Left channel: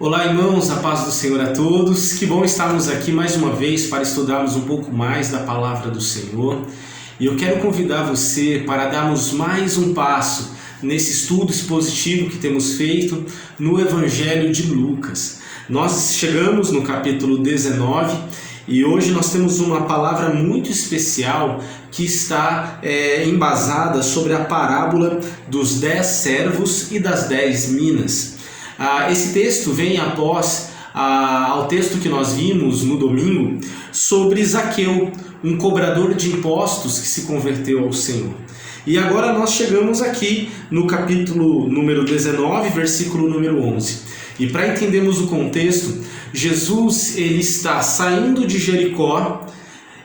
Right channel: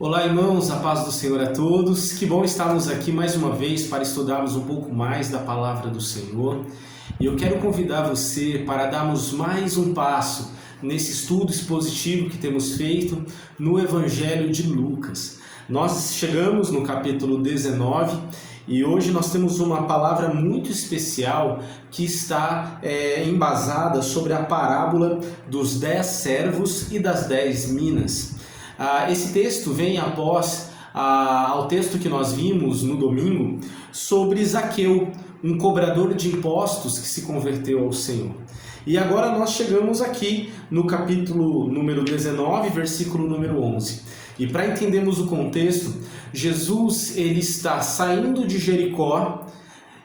Olá, irmãos, a paz do Senhor a todos. Que bom estarmos aqui mais uma vez para estudarmos um pouco mais da palavra do Senhor. E eu quero convidar você para darmos mais um passo nesse estudo expositivo que temos feito no Evangelho de Lucas. Nós chegamos no capítulo 19 e hoje nós temos uma palavra muito especial que está embasada sobre a parábola dos 10 servos e das 10 minas. Esse texto vem após ao texto que nós vimos no domingo sobre Zaqueu, um cobrador de impostos que se converteu ao Senhor. E agora nós chegamos aqui no capítulo número 19, versículo número 11. E para entendermos o contexto, Jesus ele está saindo de Jericó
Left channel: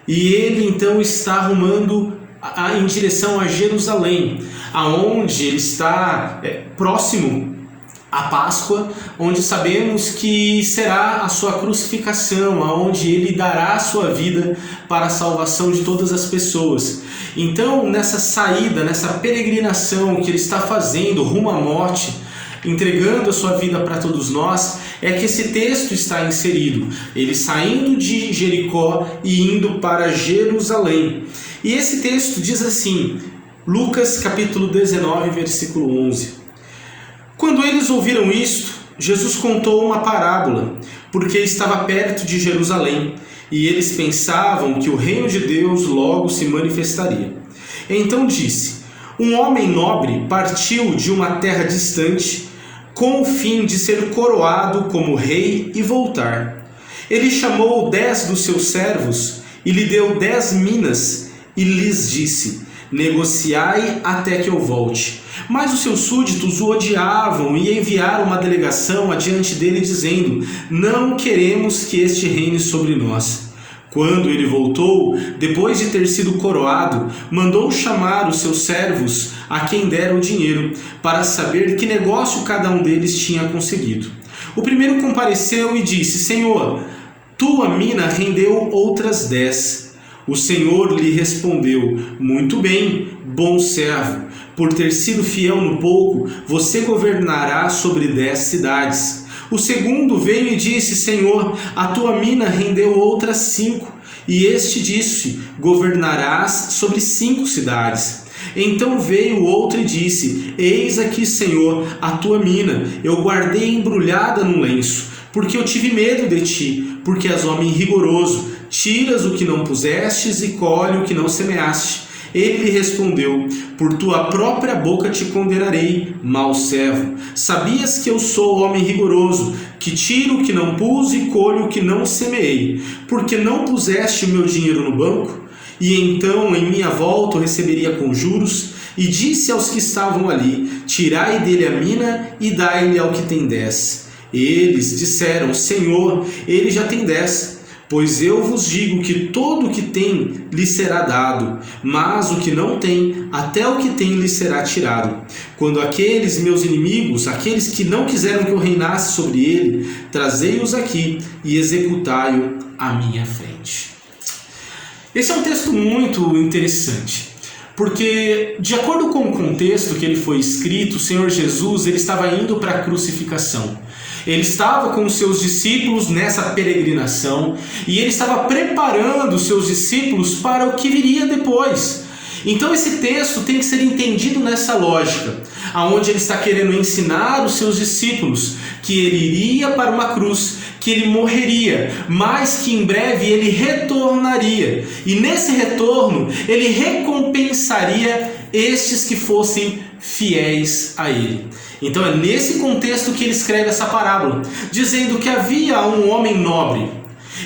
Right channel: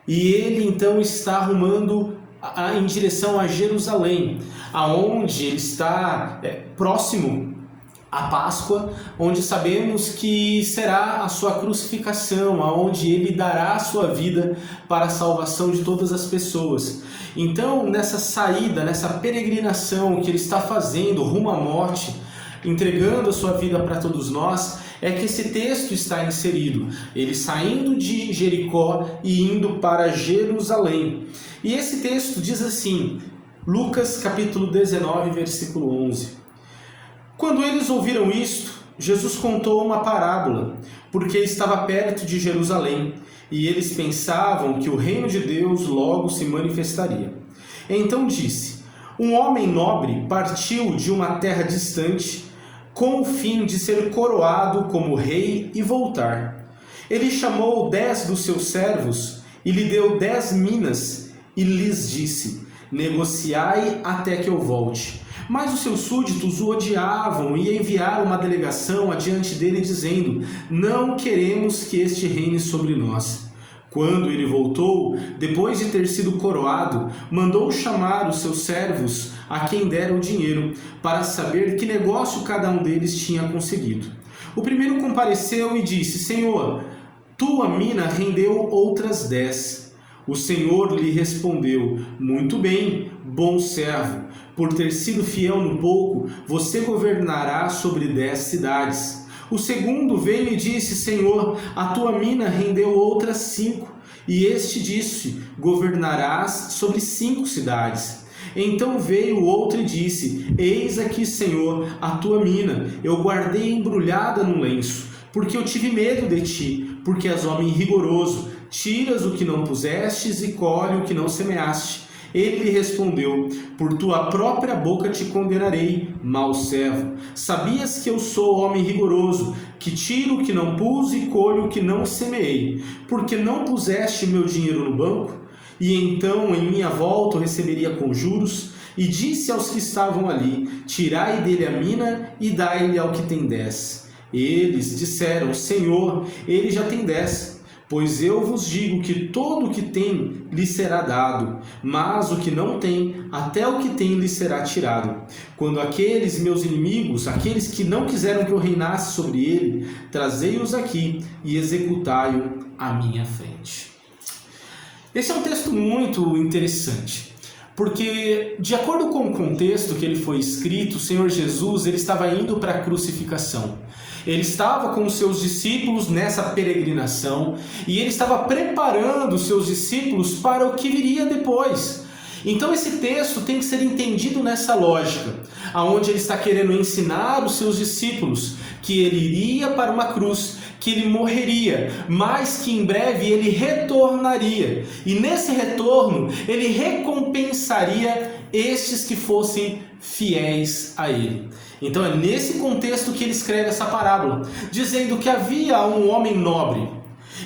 e ele então está arrumando em direção a Jerusalém, aonde ele está próximo a Páscoa, onde sabemos que será a sua crucificação, aonde ele dará a sua vida para a salvação de todas as pessoas. Então, nessa saída, nessa peregrinação que ele está fazendo rumo à morte, entregando a sua vida para todos nós, é que esse texto está inserido. Ele saindo de Jericó e indo para Jerusalém. E esse texto diz assim, Lucas capítulo 19, versículo 11. Quando eles ouviram isto, Jesus contou uma parábola, porque estava perto de Jerusalém, e eles pensavam que o reino de Deus logo se manifestaria. Então disse: um homem nobre partiu de uma terra distante, com o fim de ser coroado como rei e voltar. Ele chamou 10 dos seus servos e lhe deu 10 minas, e lhes disse: negociai até que eu volte. Mas os seus súditos o odiavam e enviaram uma delegação adiante dele, dizendo: não queremos que este reine sobre nós. Quando ele voltou, depois de ter sido coroado, mandou chamar os seus servos, a quem deram o dinheiro, para saber que negócio cada um deles tinha conseguido. O primeiro compareceu e disse: Senhor, tua mina rendeu outras 10. O Senhor lhe respondeu: muito bem, bom servo, por ter sido fiel no pouco, você governará sobre 10 cidades. O segundo veio e disse: Senhor, a tua mina rendeu outras 5. E este disse: governarás sobre 5 cidades. Então veio o outro e disse: eis aqui, Senhor, a tua mina, eu guardei embrulhada num lenço, porque eu tive medo de ti, porque és homem rigoroso, tiras o que não pusestes e colhe o que não semeaste. Ele lhe respondeu: por tua própria boca te condenarei, mau servo. Sabias que eu sou homem rigoroso, que tiro o que não pus e colho o que não semeei, porque não puseste o meu dinheiro no banco? E então em minha volta o receberia com juros. E disse aos que estavam ali: tirai dele a mina e dai-lhe ao que tem 10. Eles disseram: Senhor, ele já tem 10. Pois eu vos digo que todo o que tem lhe será dado, mas o que não tem, até o que tem lhe será tirado. Quando aqueles meus inimigos, aqueles que não quiseram que eu reinasse sobre ele, trazei-os aqui e executai-o à minha frente. Esse é um texto muito interessante, porque de acordo com o contexto que ele foi escrito, o Senhor Jesus ele estava indo para a crucificação. Ele estava com os seus discípulos nessa peregrinação e ele estava preparando os seus discípulos para o que viria depois. Então esse texto tem que ser entendido nessa lógica, aonde ele está querendo ensinar os seus discípulos que ele iria para uma cruz, que ele morreria, mas que em breve ele retornaria. E nesse retorno ele recompensaria estes que fossem fiéis a ele. Então é nesse contexto que ele escreve essa parábola, dizendo que havia um homem nobre.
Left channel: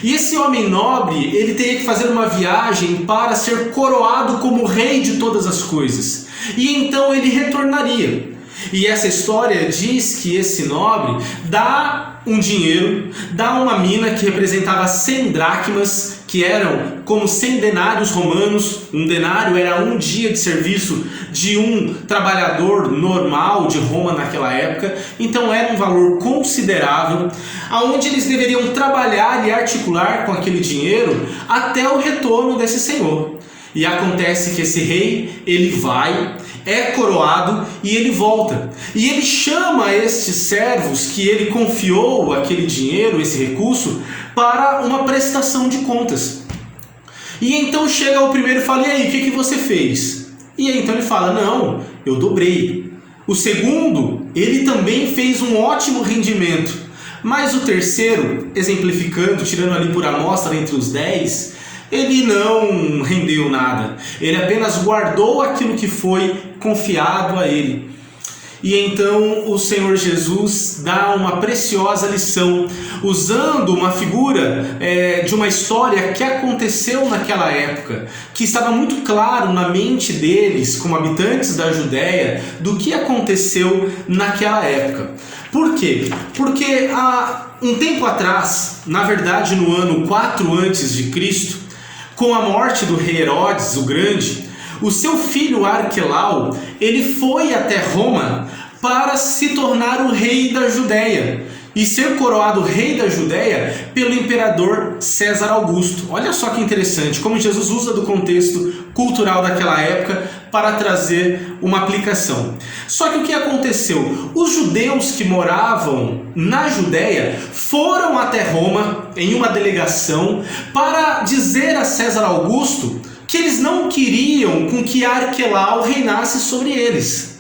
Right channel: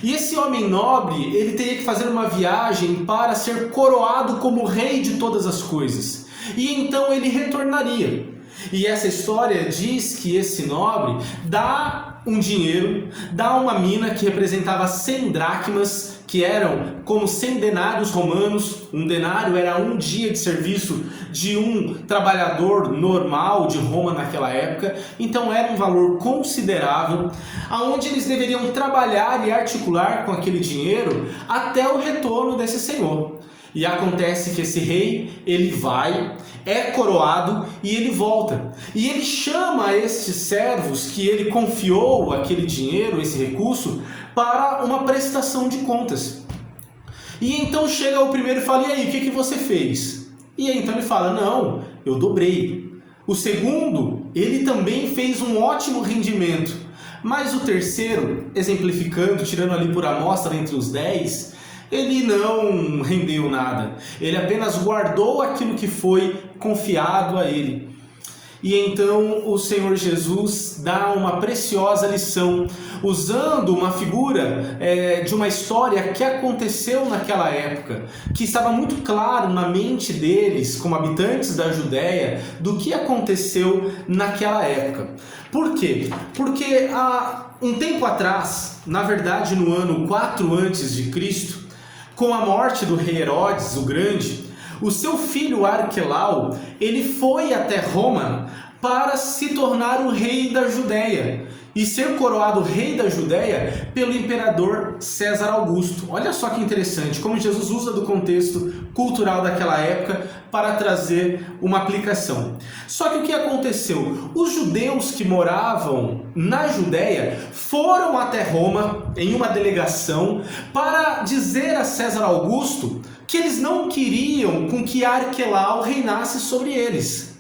E esse homem nobre, ele teria que fazer uma viagem para ser coroado como rei de todas as coisas. E então ele retornaria. E essa história diz que esse nobre dá um dinheiro, dá uma mina que representava 100 dracmas, que eram como 100 denários romanos. Um denário era um dia de serviço de um trabalhador normal de Roma naquela época, então era um valor considerável, aonde eles deveriam trabalhar e articular com aquele dinheiro até o retorno desse senhor. E acontece que esse rei, ele vai, é coroado e ele volta. E ele chama estes servos que ele confiou aquele dinheiro, esse recurso, para uma prestação de contas. E então chega o primeiro e fala: e aí, o que você fez? E aí então ele fala: não, eu dobrei. O segundo, ele também fez um ótimo rendimento. Mas o terceiro, exemplificando, tirando ali por amostra entre os 10, ele não rendeu nada. Ele apenas guardou aquilo que foi confiado a ele. E então o Senhor Jesus dá uma preciosa lição, usando uma figura de uma história que aconteceu naquela época, que estava muito claro na mente deles, como habitantes da Judéia, do que aconteceu naquela época. Por quê? Porque há um tempo atrás, na verdade no ano 4 a.C., com a morte do rei Herodes o Grande, o seu filho Arquelau, ele foi até Roma para se tornar o rei da Judéia e ser coroado rei da Judéia pelo imperador César Augusto. Olha só que interessante, como Jesus usa do contexto cultural daquela época para trazer uma aplicação. Só que o que aconteceu? Os judeus que moravam na Judéia foram até Roma em uma delegação para dizer a César Augusto que eles não queriam com que Arquelau reinasse sobre eles.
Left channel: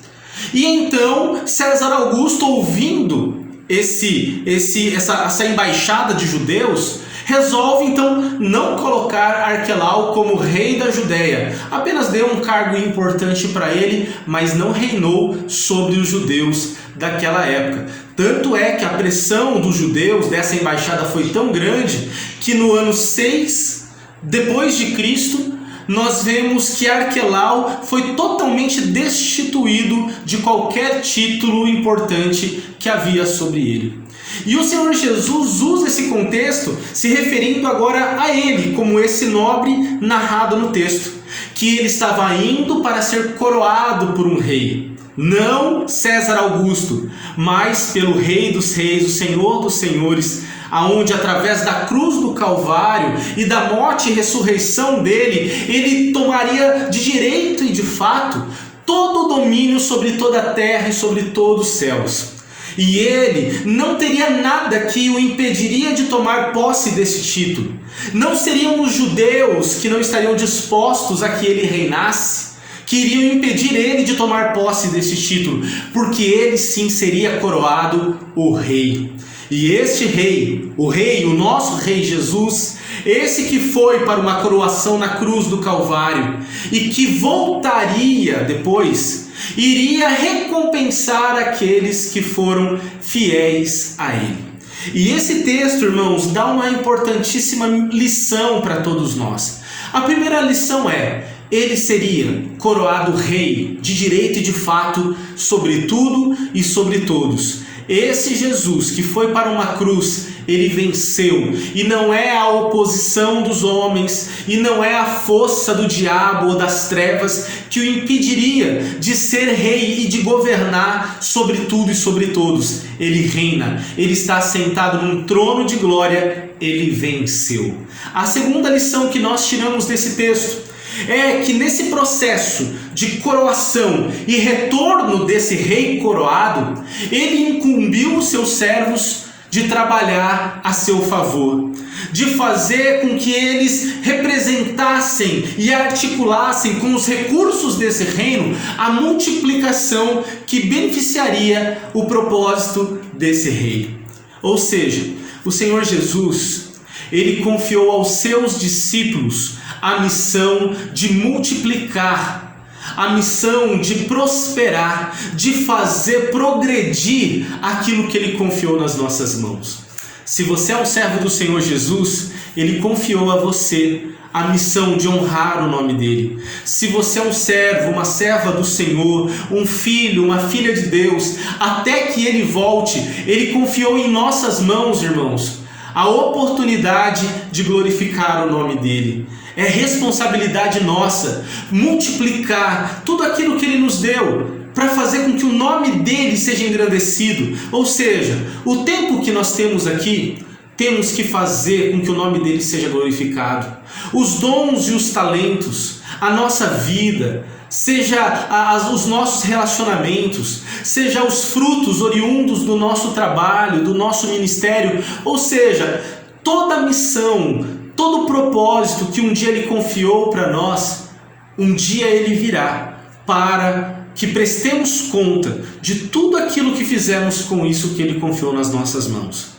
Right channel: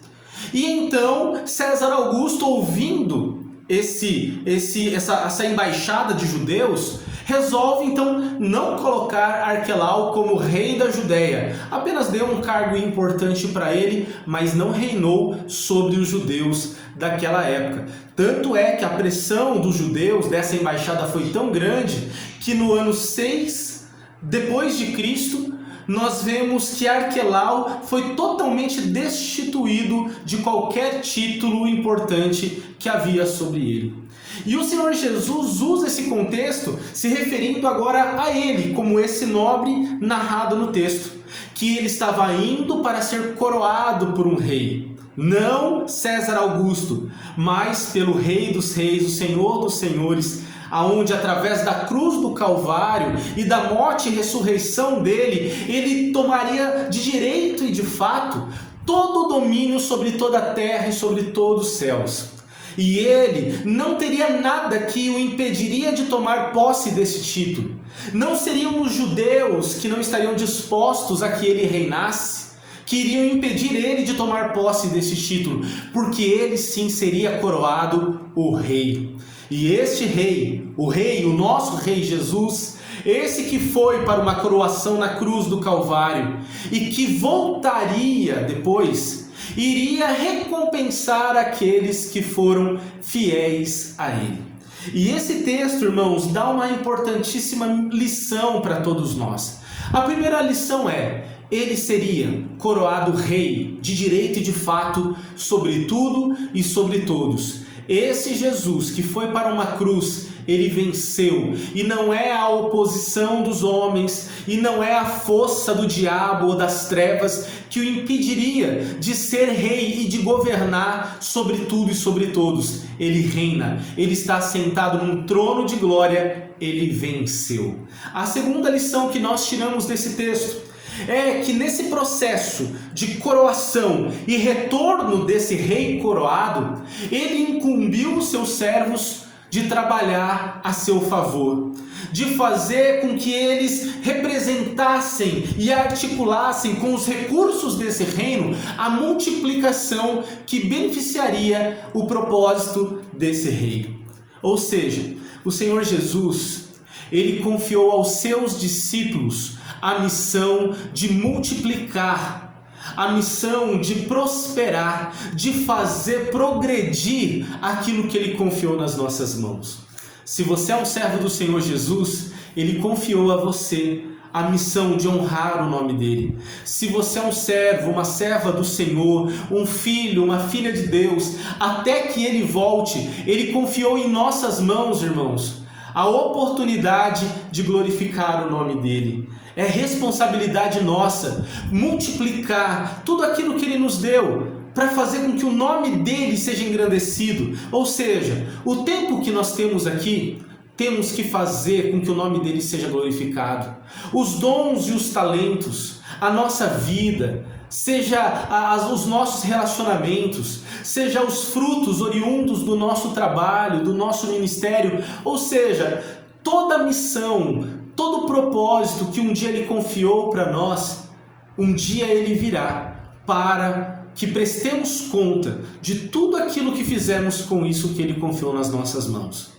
E então César Augusto, ouvindo essa embaixada de judeus, resolve então não colocar Arquelau como rei da Judéia. Apenas deu um cargo importante para ele, mas não reinou sobre os judeus daquela época. Tanto é que a pressão dos judeus dessa embaixada foi tão grande que no ano 6 depois de Cristo, nós vemos que Arquelau foi totalmente destituído de qualquer título importante que havia sobre ele. E o Senhor Jesus usa esse contexto se referindo agora a ele, como esse nobre narrado no texto, que ele estava indo para ser coroado por um rei. Não César Augusto, mas pelo Rei dos Reis, o Senhor dos Senhores, aonde através da cruz do Calvário e da morte e ressurreição dele, ele tomaria de direito e de fato todo o domínio sobre toda a terra e sobre todos os céus. E ele não teria nada que o impediria de tomar posse desse título. Não seriam os judeus que não estariam dispostos a que ele reinasse, que iriam impedir ele de tomar posse desse título, porque ele sim seria coroado o rei. E este rei, o nosso rei Jesus, esse que foi para uma coroação na cruz do Calvário e que voltaria depois, iria recompensar aqueles que foram fiéis a ele. E esse texto, irmãos, dá uma importantíssima lição para todos nós. A primeira lição é: ele seria coroado rei de direito e de fato sobre tudo e sobre todos. Esse Jesus que foi para uma cruz, ele venceu, e não é a oposição dos homens, e não é a força do diabo ou das trevas que o impediria de ser rei e de governar sobre tudo e sobre todos. Ele reina, ele está sentado num trono de glória, ele venceu. A segunda lição que nós tiramos desse texto é que nesse processo de coroação e retorno desse rei coroado, ele incumbiu os seus servos de trabalhar a seu favor, de fazer com que eles representassem e articulassem com os recursos desse reino a multiplicação que beneficiaria o propósito desse rei. Ou seja, o Senhor Jesus, ele confiou aos seus discípulos a missão de multiplicar, a missão de prosperar, de fazer progredir aquilo que ele confiou nas nossas mãos. Se você é um servo do Senhor Jesus, ele confiou a você a missão de honrar o nome dele. Se você é um servo, uma serva do Senhor, um filho, uma filha de Deus, até que ele volte, ele confiou em nossas mãos, irmãos, a oportunidade de glorificar o nome dele. É responsabilidade nossa multiplicar tudo aquilo que ele nos deu para fazer com que o nome dele seja engrandecido. Ou seja, o tempo que nós temos aqui, temos que fazer com que o nome dele seja glorificado. Os dons e os talentos, a nossa vida, seja os nossos relacionamentos, seja os frutos oriundos do nosso trabalho, do nosso ministério, ou seja, toda a missão, todo o propósito que um dia Ele confiou para nós, um dia Ele virá para que prestemos conta de tudo aquilo que fizemos com isso que Ele confiou nas nossas mãos.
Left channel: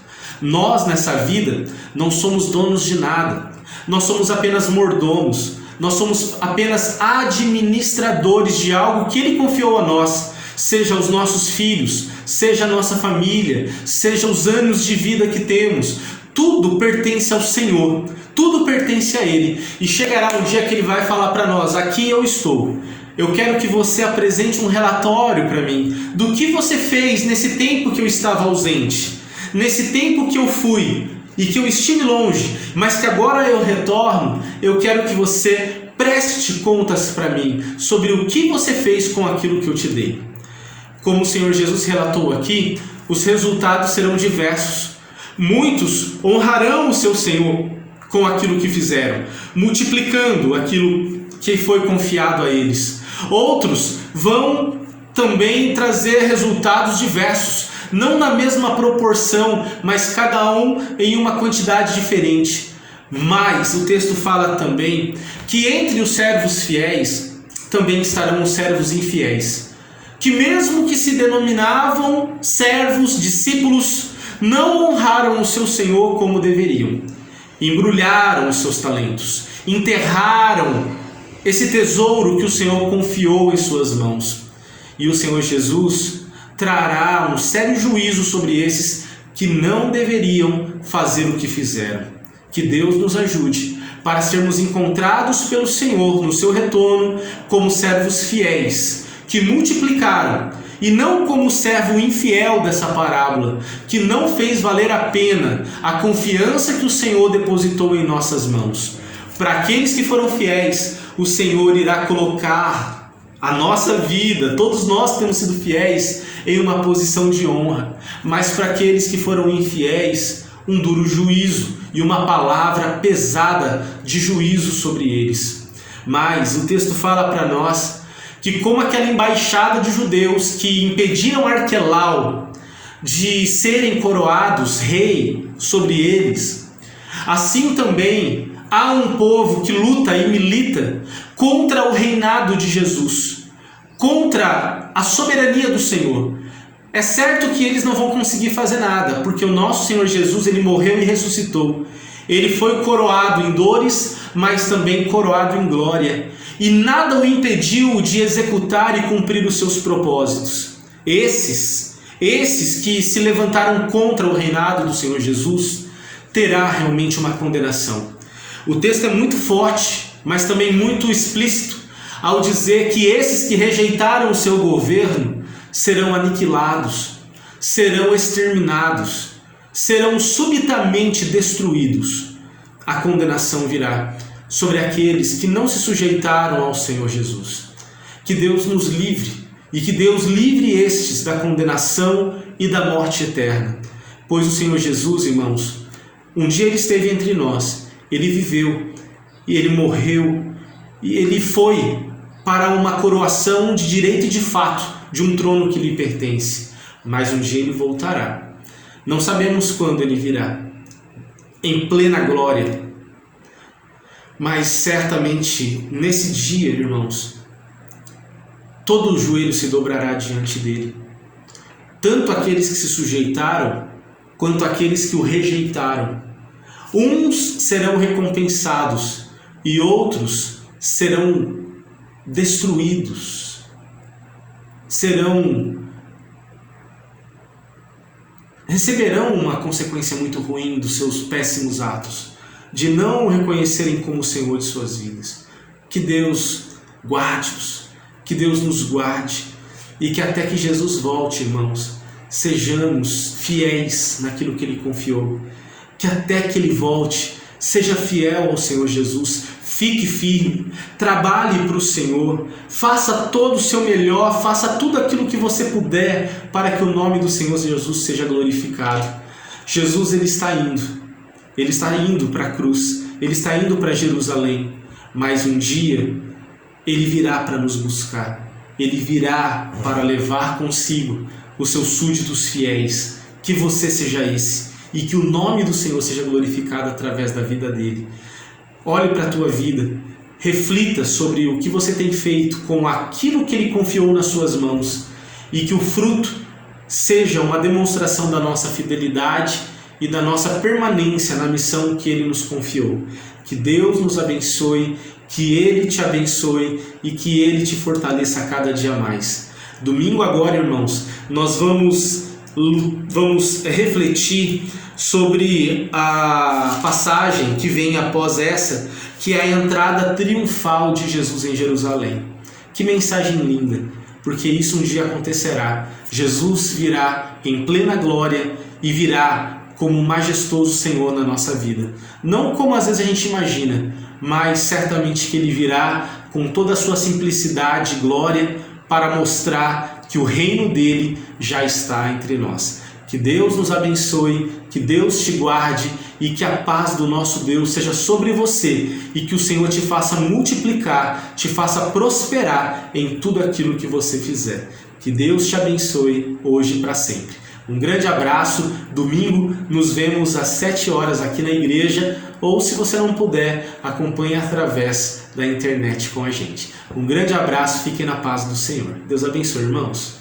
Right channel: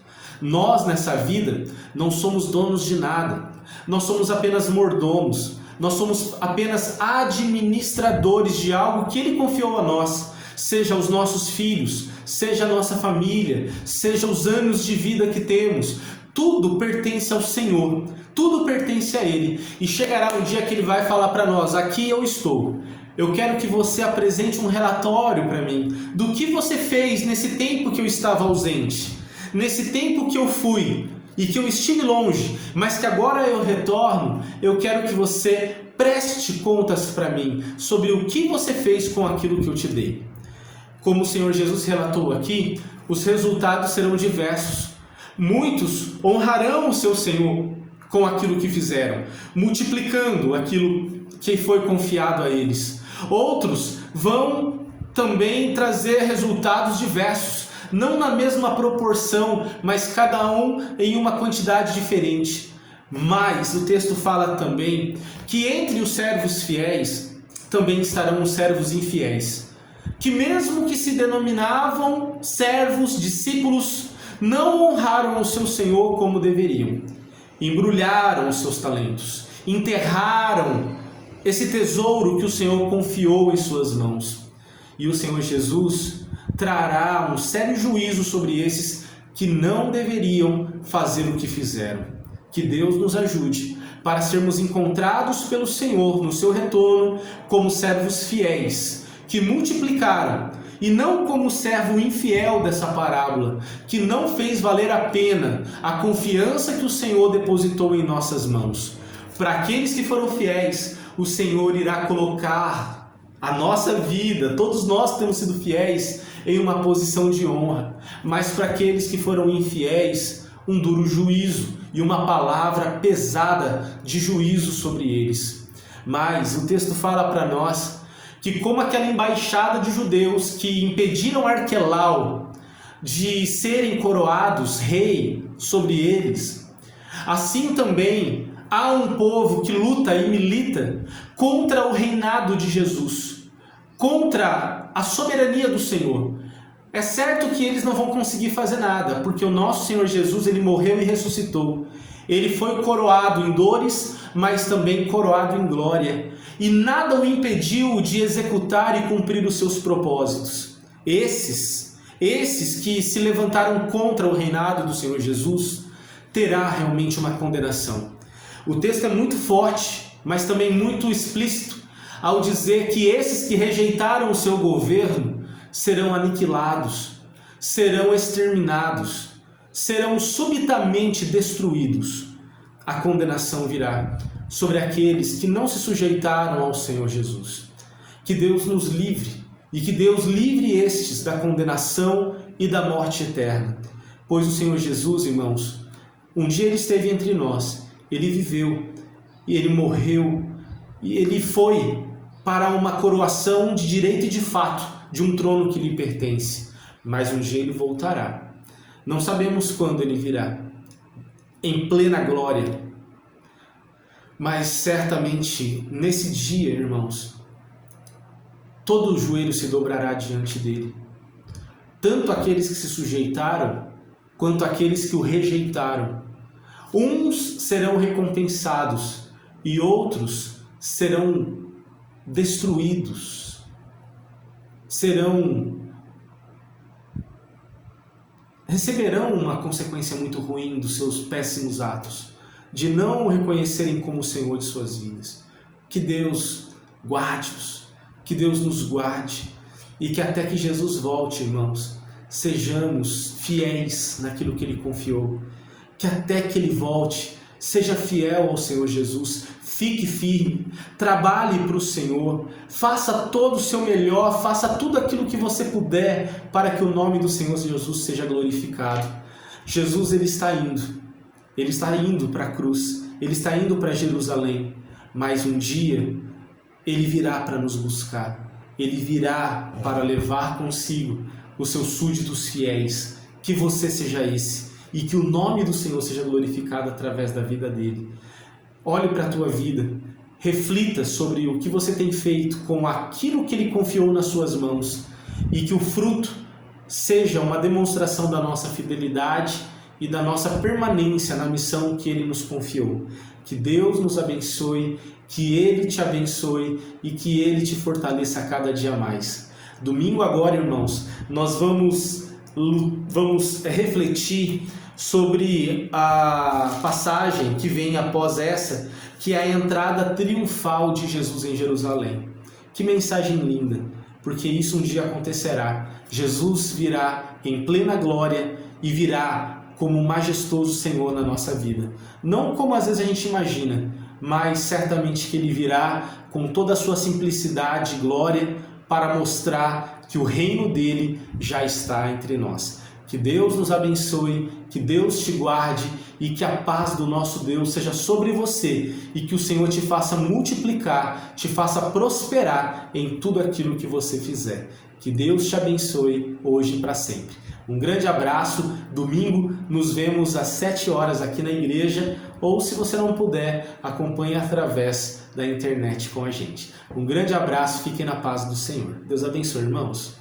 Nós, nessa vida, não somos donos de nada, nós somos apenas mordomos, nós somos apenas administradores de algo que Ele confiou a nós, seja os nossos filhos, seja a nossa família, seja os anos de vida que temos. Tudo pertence ao Senhor, tudo pertence a Ele, e chegará um dia que Ele vai falar para nós: aqui eu estou, eu quero que você apresente um relatório para mim, do que você fez nesse tempo que eu estava ausente, nesse tempo que eu fui, e que eu estive longe, mas que agora eu retorno. Eu quero que você preste contas para mim, sobre o que você fez com aquilo que eu te dei. Como o Senhor Jesus relatou aqui, os resultados serão diversos. Muitos honrarão o seu Senhor com aquilo que fizeram, multiplicando aquilo que foi confiado a eles. Outros vão também trazer resultados diversos, não na mesma proporção, mas cada um em uma quantidade diferente. Mas o texto fala também que entre os servos fiéis também estarão os servos infiéis, que mesmo que se denominavam servos, discípulos, não honraram o seu Senhor como deveriam. Embrulharam os seus talentos, enterraram esse tesouro que o Senhor confiou em suas mãos. E o Senhor Jesus trará um sério juízo sobre esses que não deveriam fazer o que fizeram. Que Deus nos ajude para sermos encontrados pelo Senhor no seu retorno como servos fiéis, que multiplicaram, e não como o servo infiel dessa parábola, que não fez valer a pena a confiança que o Senhor depositou em nossas mãos. Para aqueles que foram fiéis, o Senhor irá colocar a nossa vida, todos nós temos sido fiéis, em uma posição de honra. Mas para aqueles que foram infiéis, um duro juízo e uma palavra pesada de juízo sobre eles. Mas o texto fala para nós que, como aquela embaixada de judeus que impediram Arquelau de serem coroados rei sobre eles, assim também há um povo que luta e milita contra o reinado de Jesus, contra a soberania do Senhor. É certo que eles não vão conseguir fazer nada, porque o nosso Senhor Jesus, Ele morreu e ressuscitou. Ele foi coroado em dores, mas também coroado em glória. E nada o impediu de executar e cumprir os seus propósitos. Esses que se levantaram contra o reinado do Senhor Jesus, terá realmente uma condenação. O texto é muito forte, mas também muito explícito, ao dizer que esses que rejeitaram o seu governo serão aniquilados, serão exterminados, serão subitamente destruídos. A condenação virá sobre aqueles que não se sujeitaram ao Senhor Jesus. Que Deus nos livre, e que Deus livre estes da condenação e da morte eterna. Pois o Senhor Jesus, irmãos, um dia Ele esteve entre nós, Ele viveu, e Ele morreu, e Ele foi para uma coroação de direito e de fato, de um trono que lhe pertence. Mas um dia Ele voltará. Não sabemos quando Ele virá, em plena glória. Mas certamente, nesse dia, irmãos, todo o joelho se dobrará diante dele. Tanto aqueles que se sujeitaram, quanto aqueles que o rejeitaram. Uns serão recompensados e outros serão destruídos. Receberão uma consequência muito ruim dos seus péssimos atos, de não o reconhecerem como o Senhor de suas vidas. Que Deus guarde-os, que Deus nos guarde, e que até que Jesus volte, irmãos, sejamos fiéis naquilo que Ele confiou. Que até que Ele volte, seja fiel ao Senhor Jesus, fique firme, trabalhe para o Senhor, faça todo o seu melhor, faça tudo aquilo que você puder para que o nome do Senhor Jesus seja glorificado. Jesus, Ele está indo para a cruz, Ele está indo para Jerusalém, mas um dia Ele virá para nos buscar, Ele virá para levar consigo os seus súditos fiéis. Que você seja esse e que o nome do Senhor seja glorificado através da vida dele. Olhe para a tua vida, reflita sobre o que você tem feito com aquilo que Ele confiou nas suas mãos e que o fruto seja uma demonstração da nossa fidelidade e da nossa permanência na missão que Ele nos confiou. Que Deus nos abençoe, que Ele te abençoe e que Ele te fortaleça a cada dia mais. Domingo agora, irmãos, nós vamos refletir sobre a passagem que vem após essa, que é a entrada triunfal de Jesus em Jerusalém. Que mensagem linda, porque isso um dia acontecerá. Jesus virá em plena glória e virá como um majestoso Senhor na nossa vida. Não como às vezes a gente imagina, mas certamente que Ele virá com toda a sua simplicidade e glória para mostrar que o reino dele já está entre nós. Que Deus nos abençoe, que Deus te guarde e que a paz do nosso Deus seja sobre você e que o Senhor te faça multiplicar, te faça prosperar em tudo aquilo que você fizer. Que Deus te abençoe hoje e para sempre. Um grande abraço. Domingo nos vemos às 7 horas aqui na igreja, ou se você não puder, acompanhe através da internet com a gente. Um grande abraço, fiquem na paz do Senhor. Deus abençoe, irmãos.